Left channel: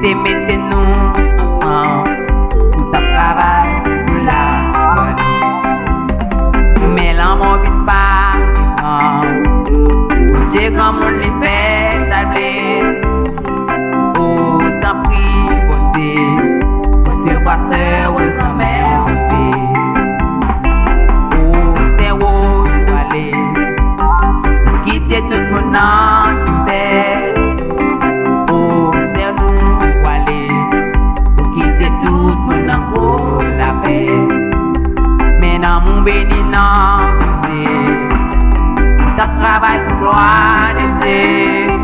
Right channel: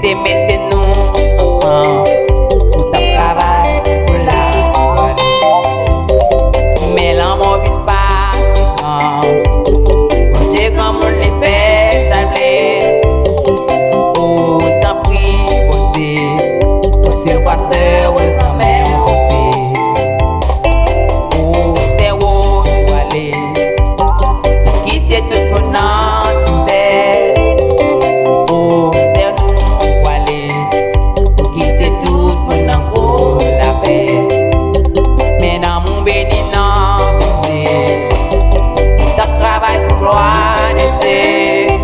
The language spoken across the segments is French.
t'es mettez-nous ensemble pour ta travail, pour la jolie. Mais l'amour vient pas, c'est grand. Dieu comme on les fait, ça blé. Oh, t'en prie, bon Dieu. Oh, sur quoi soeur, oh, t'en mets, bon Dieu. Oh, c'est où tu vas aller. Quitter tout mon nom, tu sais. Oh, c'est nous, tu vas aller. Pour quitter tout mon nom, oh, la paix. Mais dans mon béni, non, Dieu. Ta travail pour gloire de Dieu.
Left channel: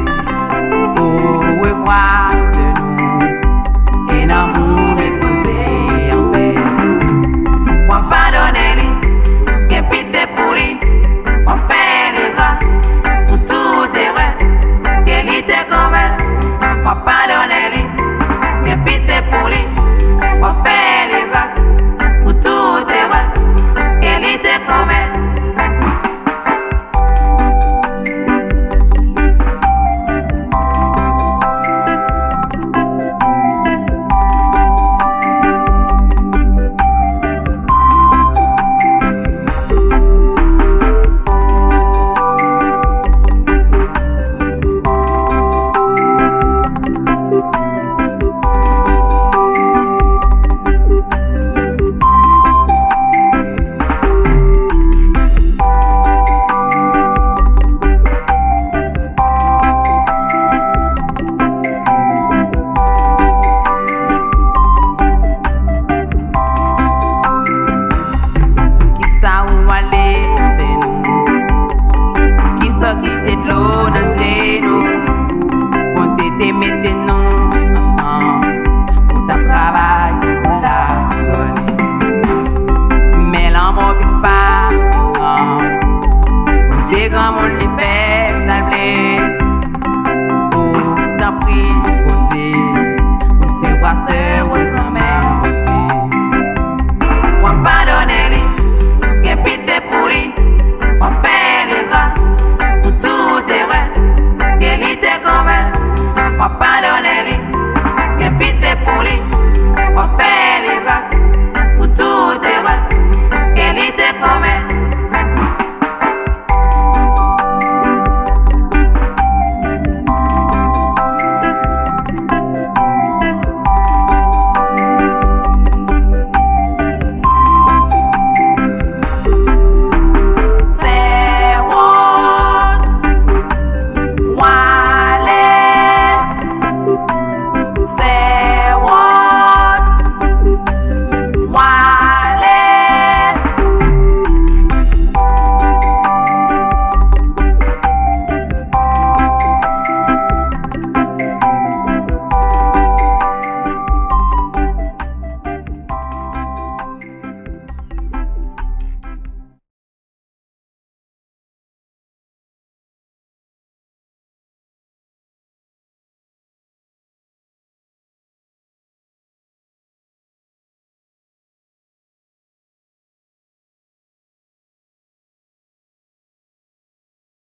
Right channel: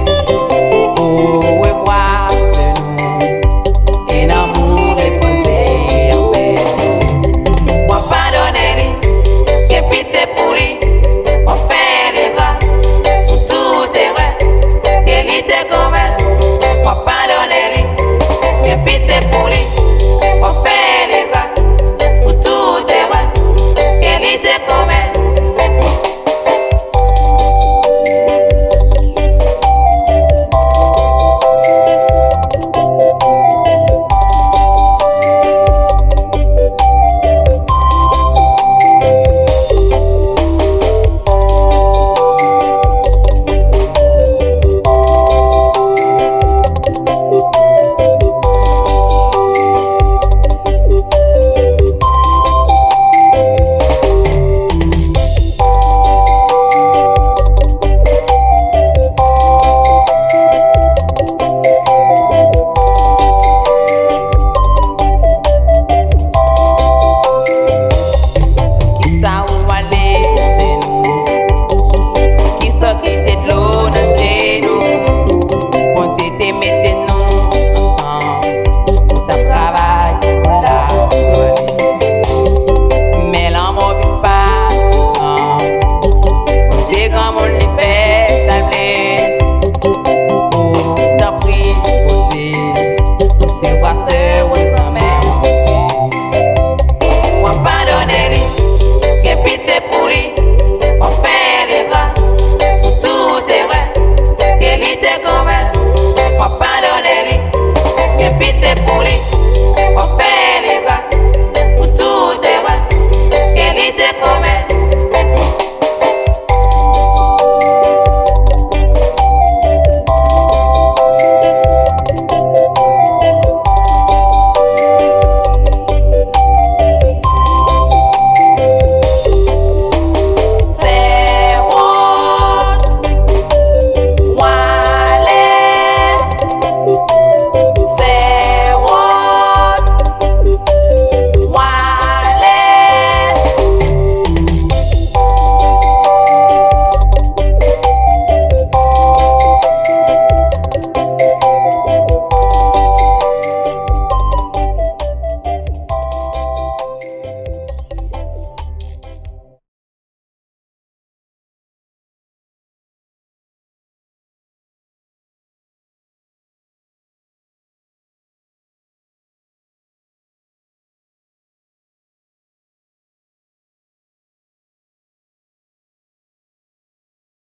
Oh, revoir, c'est nous. Et l'amour reposé en paix. On pardonne-lui, bien pitié pour lui. On fait les grâces pour tout erreur. Qu'elle était comme elle. On pardonne-lui, bien pitié pour lui. On fait les grâces pour tout erreur. Qu'elle était comme elle. Soeur,